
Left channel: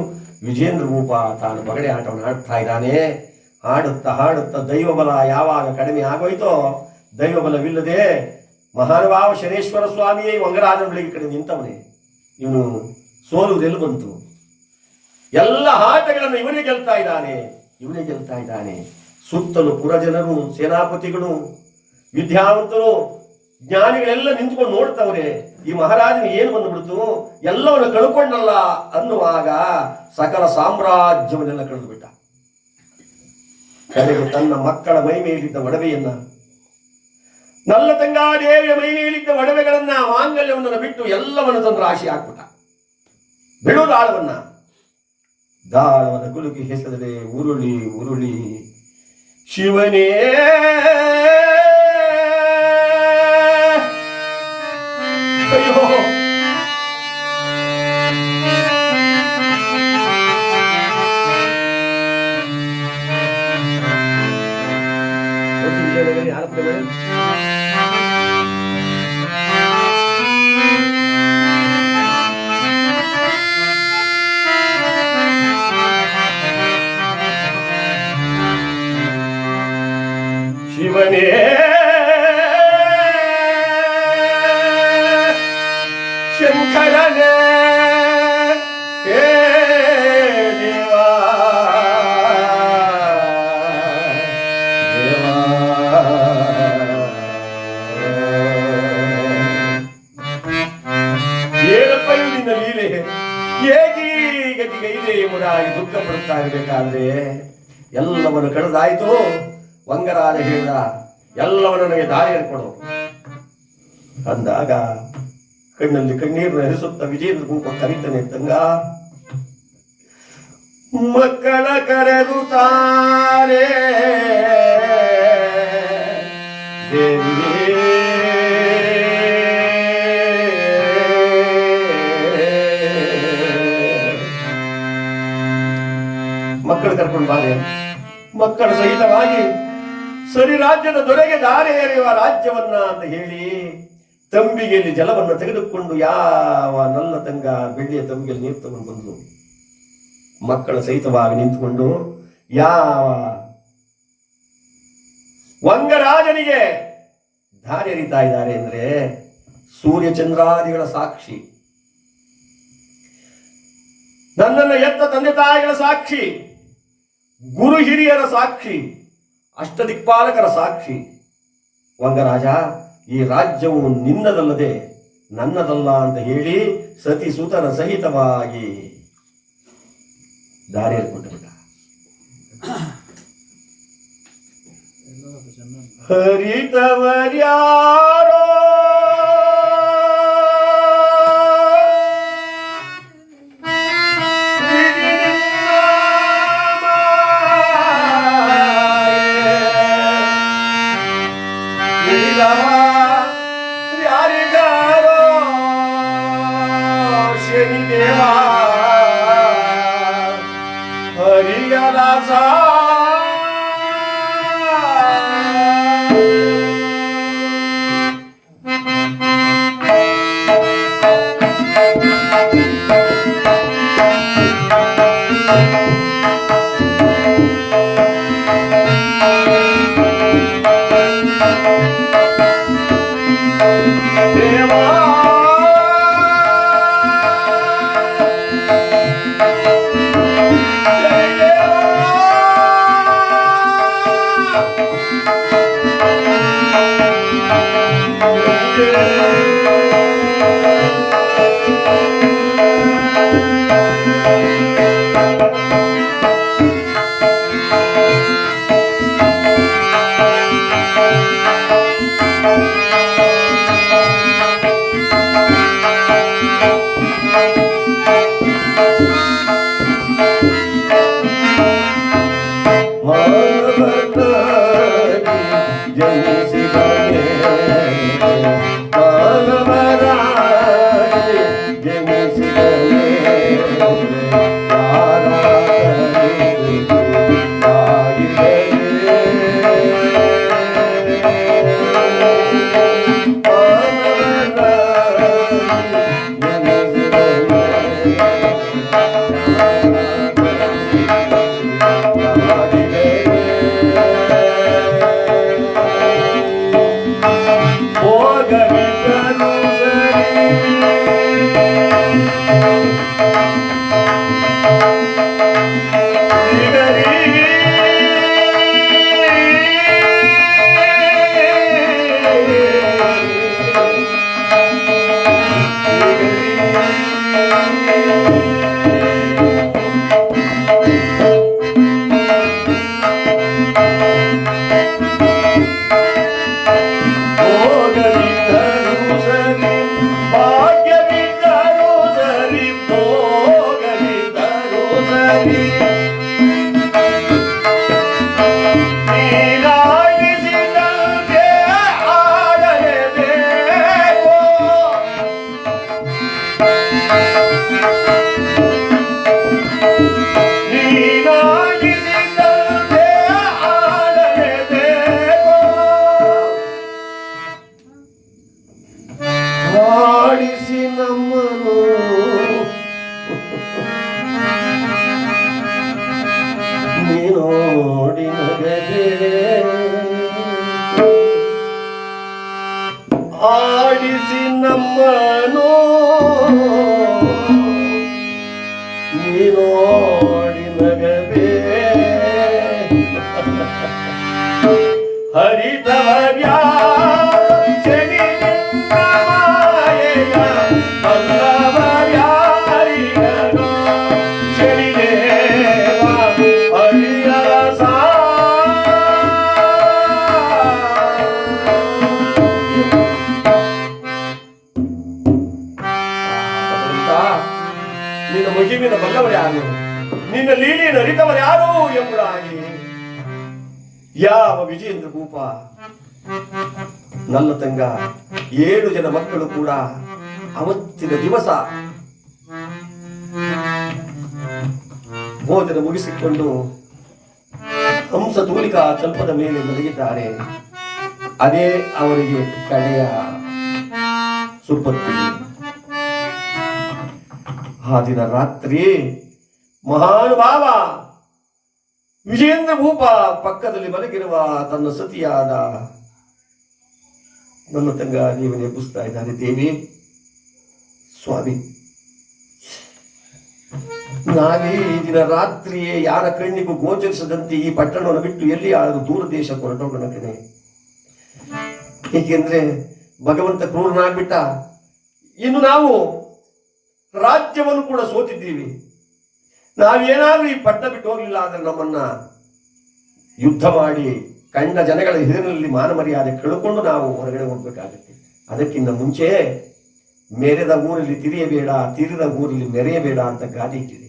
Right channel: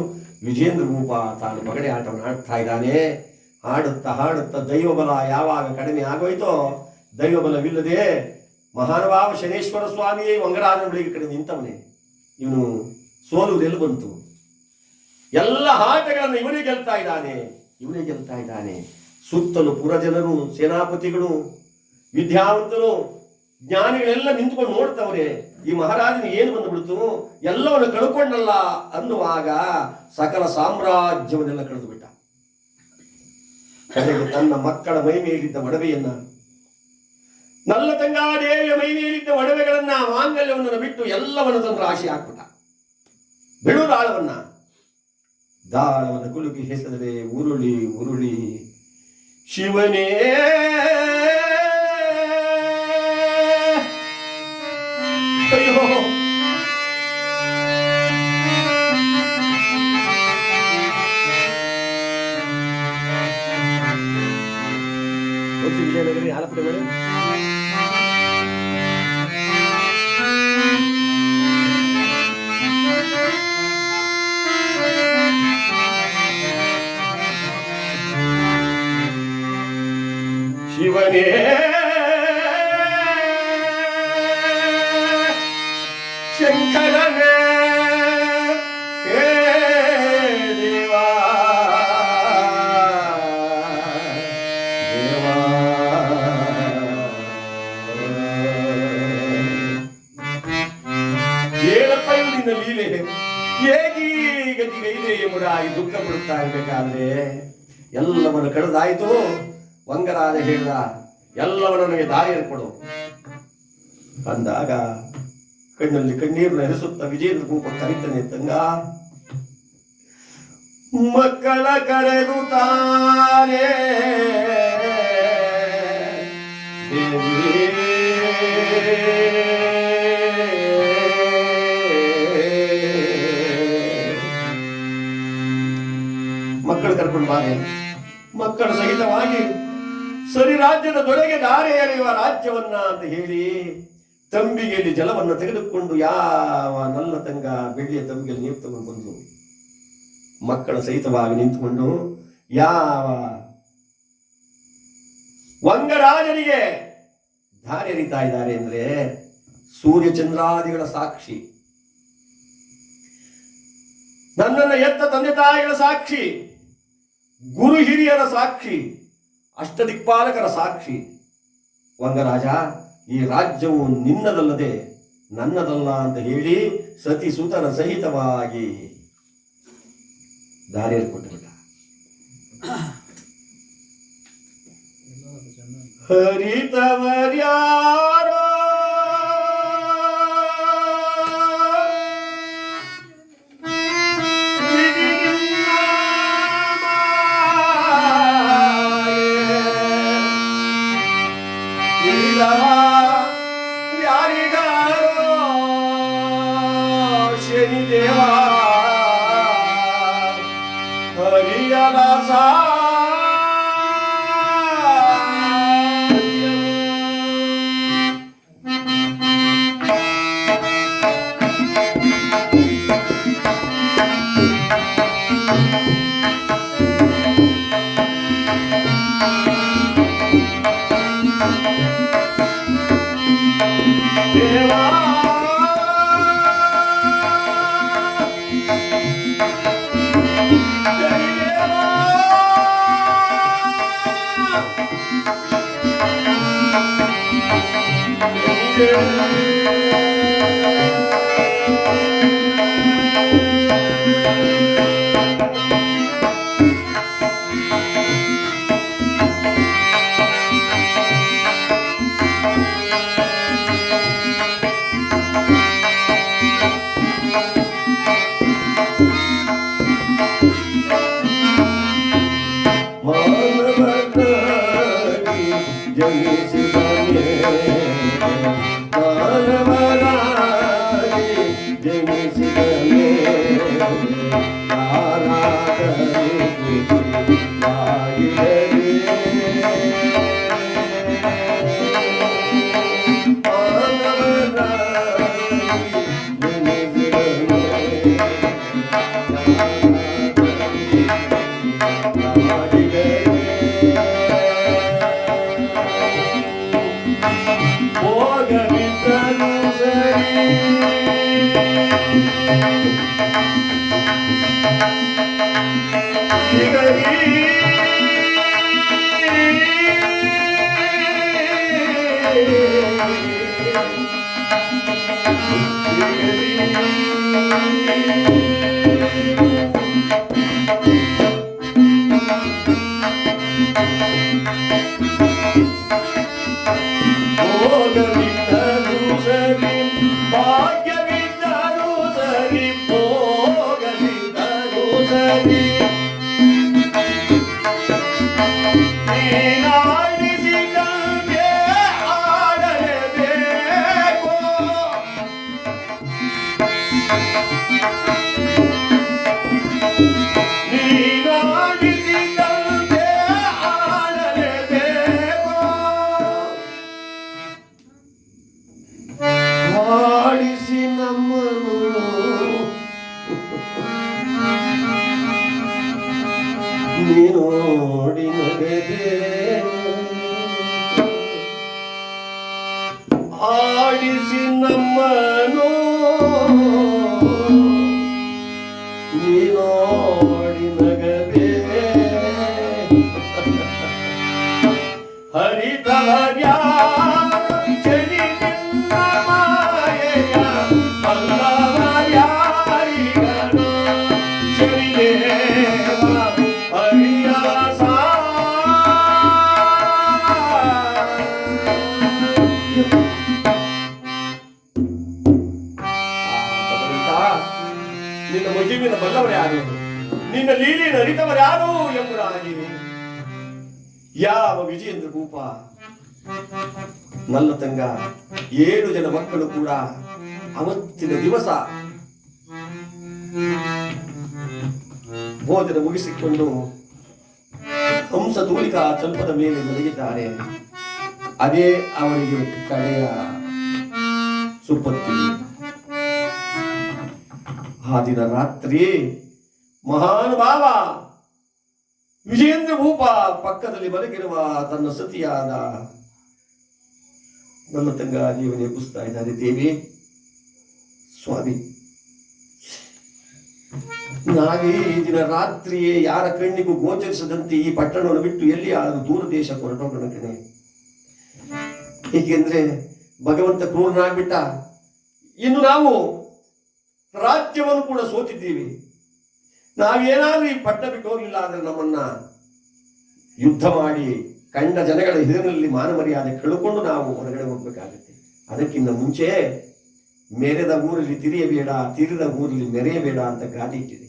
A: ವಿಜೇಂದ್ರ ಭೂಪ ತಾನು ಪಗಡೆ ಆಟವನ್ನು ಆಡ್ತಾ ಇದ್ದಾನೆ. ಹಾಡುತ್ತಾ ಹಾಡುತ್ತಾ ದೈವ ಬಲ ಯಾವಾಗ ಕಡಿಮೆ ಆಗೋಯ್ತೋ ದೈವ ಬಲವಿಲ್ಲದೆ ಮಹಾನುಭಾವ ಶನೇಶ್ವರ ಸ್ವಾಮಿಯೇ ವಂಗರಾಜನ ಬಳಿಗೆ ಕಡೆ ನಿಂತವನೇ. ಇವನು ಸೋಲುವುದೆಲ್ಲ ಬಂತು? ಎಲ್ಲ ಆಟಗಳನ್ನು ಇವನೇ ಗೆಲ್ತಾ ಇದ್ದಾನೆ, ಇವನೇ ಗೆಲ್ತಾ ಇದ್ದಾನೆ. ಸುತ್ತಲೂ ಪುರಜನರು, ಸೇನಾಪತಿಗಳು, ವಿದ್ಯಾವಂತರು, ಜ್ಞಾನಿಗಳೆಲ್ಲ ನಿಂತ್ಕೊಂಡು ನೋಡ್ತವ್ರೆ, ಈ ಮಹಾರಾಜನ ಏನು ಬಂದ್ಬಿಡ್ತು? ಎಲ್ಲವನ್ನು ಕಳ್ಕೊಂಡಲ್ಲ ಅನ್ನುವಾಗ ಸಕಲ ಸಾಮ್ರಾಜ್ಯವನ್ನೆಲ್ಲ ಕಳೆದು ಬಿಟ್ಟ ಕಡೆಗೆ ತನ್ನ ಮಕ್ಕಳ ಮೈ ಮೇಲಿದ್ದ ಒಡವೆಯನ್ನ ನಲ್ಲ ತಂಗಾದೇವಿಯ ಮೈ ಮೇಲಿದ್ದ ಒಡವೆಗಳನ್ನ ಮಾಂಗಲ್ಯವನ್ನು ಬಿಟ್ಟು ಎಲ್ಲವನ್ನು ತಂದು ರಾಶಿ ಹಾಕ್ಬಿಟ್ಟ ಬಿಡು ದಾಳವನ್ನ ದಾಳವನ್ನು ಕುಲುಕಿ ಹೆಸರದೆ ಉರುಳಿ ಉರುಳಿ ಶಿವನೇ ಶಿವನೇ. ಶಂಕರನೇ. ಹೇ ದೇವಾ. ಏನಪ್ಪ ಇದು ನಿನ್ನ ಲೀಲೆ ಹೇಗೆ? ಈ ಗತಿಗೆ ಇದೆ ಎಂಬುದಾಗಿ ದುಃಖ ಪಡುತ್ತಾ ಇರಬೇಕಾದ್ರೆ, ಎಲ್ಲವನ್ನು ಕಳೆದಾಯಿತು. ವಂಗರಾಜ ಹೇಳಿದ ಎಲ್ಲವ ನನಗೆ ದಾರಿಯನ್ನು ಕೊಡು. ಅಂದಾಗ ಕಣ್ಣಲ್ಲಿ ಕಣ್ಣೀರು ಹರಿಸುತ್ತ ವಿಜೇಂದ್ರ ಗುಂಪ ಕರೀತಾನೆ, ತಂಗ, ಮಕ್ಕಳ ಕರೆದು ತಾರೆ. ಮಕ್ಕಳು ಕರ್ಕೊಂಡು ಬಾರಿ. ಮಕ್ಕಳ ಸಹಿತವಾಗಿ ಸರಿ ರಾಜ್ಯದ ದೊರೆಗೆ ದಾರಿ ಎರೆಯುವ ರಾಜ್ಯವನ್ನ ಅಂತ ಹೇಳಿ ತಂಬಿಗೆಯಲ್ಲಿ ಜಲವನ್ನು ತೆಗೆದುಕೊಂಡು ಯಾವ ನನ್ನ ತಂಗ ಬೆಳ್ಳಿಯ ತಂಬಿಗೆಯಲ್ಲಿ ನೀರು ತಗೊಂಡು ಬಂದು ಮಕ್ಕಳ ಸಹಿತವಾಗಿ ನಿಂತುಕೊಂಡು ಯಾವ ವಂಗರಾಜನಿಗೆ ದಾರಿ ಎರಿತಾ ಇದ್ದಾರೆ ಅಂದ್ರೆ ಸೂರ್ಯ ಚಂದ್ರಾದಿಗಳ ಸಾಕ್ಷಿ. ನನ್ನನ್ನು ಎತ್ತ ತಂದೆ ತಾಯಿಗಳ ಸಾಕ್ಷಿ. ಗುರು ಹಿರಿಯರ ಸಾಕ್ಷಿ. ಅಷ್ಟದಿಕ್ಪಾಲಕರ ಸಾಕ್ಷಿ. ವಂಗರಾಜ, ಈ ರಾಜ್ಯವು ನಿನ್ನದಲ್ಲದೆ ನನ್ನದಲ್ಲ ಅಂತ ಹೇಳಿ ಸತಿ ಸುತನ ಸಹಿತವಾಗಿ ದಾರಿಯಲ್ಲಿ ಕೊಟ್ಟುಬಿಟ್ಟ ಬಿಟ್ಟ. ಯಾರಿಗಾರೋ ಯಾವ ಎಂದು ಭೂಪ ನನ್ನ ತಂಗ, ಏಳು ಜನ ಮಕ್ಕಳು ಕೂಡ ಅವತ್ತಿನ ದಿವಸ ಭೋಜನ ಮುಗಿಸಿಕೊಂಡು ಹಂಸ ತೂಲಿಕಾ ಚಂಪದ ಮೇಲೆ ಮಲಗಿದ್ದಾರೆ. ಅದೇ ಅವರಿಗೆ ಕಡೆಯ ಸುಪತ್ತಿ ಆ ದಿನ ರಾತ್ರಿ ಮಹಾನುಭಾವ ವಿಜೇಂದ್ರ ಭೂಪ ಪಕ್ಕದಲ್ಲಿ ಮಲಗಿರುವ ತನ್ನ ಸತಿಯಾದ ನನ್ನ ತಂಗ ನೀವು ಎಬ್ಬಿಸ್ತಾ ಇದ್ದಾರೆ, ದೇವಿ. ಸ್ವಾಮಿ. ನಾವೇ ಈ ದಿನ ರಾತ್ರಿಯೇ ಯಾರ ಕಣ್ಣಿಗೂ ಗೋಚರಿಸದಂತೆ ಈ ಪಟ್ಟಣವನ್ನು ಬಿಟ್ಟು ಎಲ್ಲಿ ಆದರೂ ದೂರ ದೇಶ ಹೊರಟೋಗೋಣ ಕಣೆ. ಏಕೆಂದ್ರೆ ಭಗವಂತ ಕ್ರೂರನಾಗ್ಬಿಟ್ಟ. ಇನ್ನು ನಾವು ರಾಜ್ಯವನ್ನು ಕೂಡ ಸೋತಿದ್ದೀವಿ. ನಾವೇನಾದ್ರೂ ಈ ಪಟ್ಟ ಬಿಟ್ಟು ಹೋಗ್ಲಿಲ್ಲ ಅಂದ್ರೆ ನಮ್ಮನ್ನ ಯುದ್ಧ ಮಾಡಿ ಕಂಡ ಜನಗಳ ಹಿರಿನಲ್ಲಿ ಮಾನ ಮರ್ಯಾದೆ ಕಳ್ಕೊಂಡು ನಾವು ಹೊರಗಡೆ ಹೋಗ್ಬೇಕಾಗುತ್ತೆ. ಅದಕ್ಕಿಂತ ಮುಂಚೆ ಮೆರೆದ ಊರಲ್ಲಿ ತಿರಿಯಬೇಡ, ತಿರಿದ ಊರಲ್ಲಿ ಮೆರೆಯಬೇಡ ಅಂತ ಗಾದಿ ಇಟ್ಟಿದೆ.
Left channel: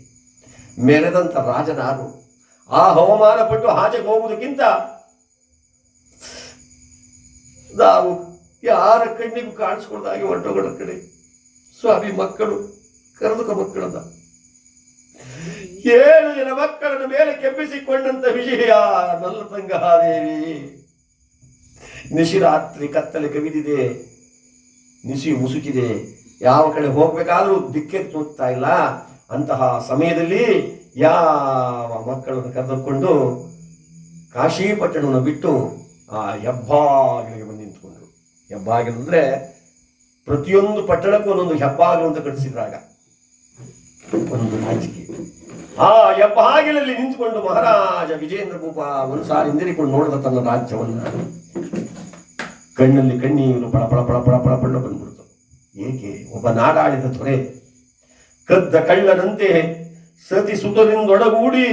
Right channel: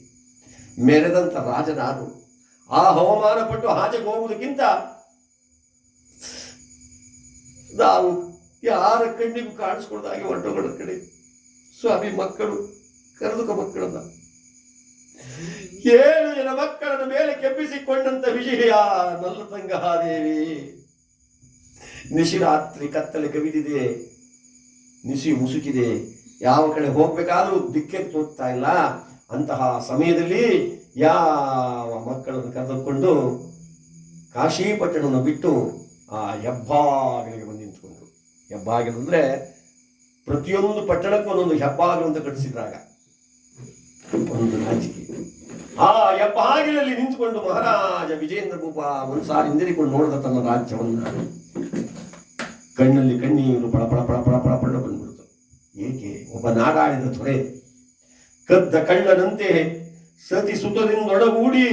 A: ಮೆರೆದಂತ ರಾಜನಾರು ಆ ಹವಾಮಾನ ಪಟ್ಟು ಆಚೆಗೆ ಹೋಗುವುದಕ್ಕಿಂತ ನಾವು ಯಾರ ಕಣ್ಣಿಗೂ ಕಾಣಿಸ್ಕೊಳ್ದಾಗಿ ಹೊರಟೋಗೋಣ ಕಡೆ ಸ್ವಾಮಿ ಮಕ್ಕಳು, ಕರೆದುಕ ಮಕ್ಕಳನ್ನ. ಏಳು ಜನ ಮಕ್ಕಳನ್ನು ಮೇಲೆ ಕೆಪ್ಪಿಸಿಕೊಂಡಂತ ವಿಜಯ, ನನ್ನ ತಂಗಾದೇವಿ ನಿಶಿರಾತ್ರಿ ಕತ್ತಲೆ ಕವಿದಿದೆ ನಿಶಿ ಮುಸುಕಿದೆ. ಯಾವ ಕಡೆ ಹೋಗ್ಬೇಕಾದ್ರೂ ದಿಕ್ಕೆ ತೋರ್ತಾ ಇಲ್ಲ. ಅಂತಹ ಸಮಯದಲ್ಲಿ ಯಾವ ಮಕ್ಕಳನ್ನು ಕರೆದುಕೊಂಡು ಕಾಶಿ ಪಟ್ಟಣವನ್ನು ಬಿಟ್ಟು ಆ ಹೆಬ್ಬಾಗಿಲಿಗೆ ಬಂದು ನಿಂತ್ಕೊಂಡ್ರು. ಹೆಬ್ಬಾಗಿಲು ಅಂದ್ರೆ ಪ್ರತಿಯೊಂದು ಪಟ್ಟಣಕ್ಕೂ ಒಂದೊಂದು ಹೆಬ್ಬಾಗಿಲು ಅಂತ ಕಟ್ಟಿಸಿದ್ರಾಗ ಒಂದು ನಾಚಿಕೆ ಆ ಹೆಬ್ಬಾಗಿಲಲ್ಲಿ ನಿಂತುಕೊಂಡು ಮಹಾರಾಜ ವಿಜೇಂದ್ರ ಒಂದು ಸಾರಿ ಹಿಂದಿರಿಕೊಂಡು ನೋಡಿದ ತನ್ನ ರಾಜ್ಯವನ್ನ, ಕಣ್ಣಲ್ಲಿ ಕಣ್ಣೀರು ಪಳ ಪಳ ಪಳ ಪಳ ಪಳ ಪಳ ಬಂದ್ಬಿಡ್ತು. ಏಕೆ? ಒಬ್ಬ ನಾಡಾಳಿದ ತೊರೆ, ಕದ್ದ ಕಳ್ಳನಂತೆ ಸತಿ ಸುತದಿಂದೊಡಗೂಡಿ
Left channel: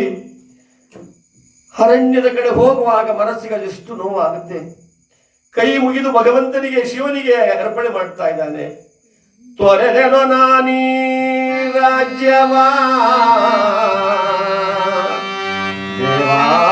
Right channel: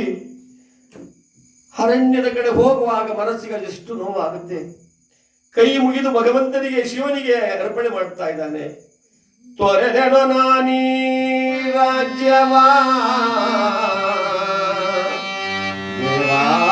A: ಅರಣ್ಯದ ಕಡೆ ಹೋಗುವಾಗ ಮನಸ್ಸಿಗೆ ಎಷ್ಟು ನೋವಾಗುತ್ತೆ. ಕೈ ಮುಗಿದು ಭಗವಂತನಿಗೆ ಶಿವನಿಗೆ ಅರ್ಪಣೆ ಮಾಡ್ತಾ ಇದ್ದಾನೆ. ತೊರೆದೆನು ನಾನೀ ರಾಜ್ಯವಾ ದೇವಾ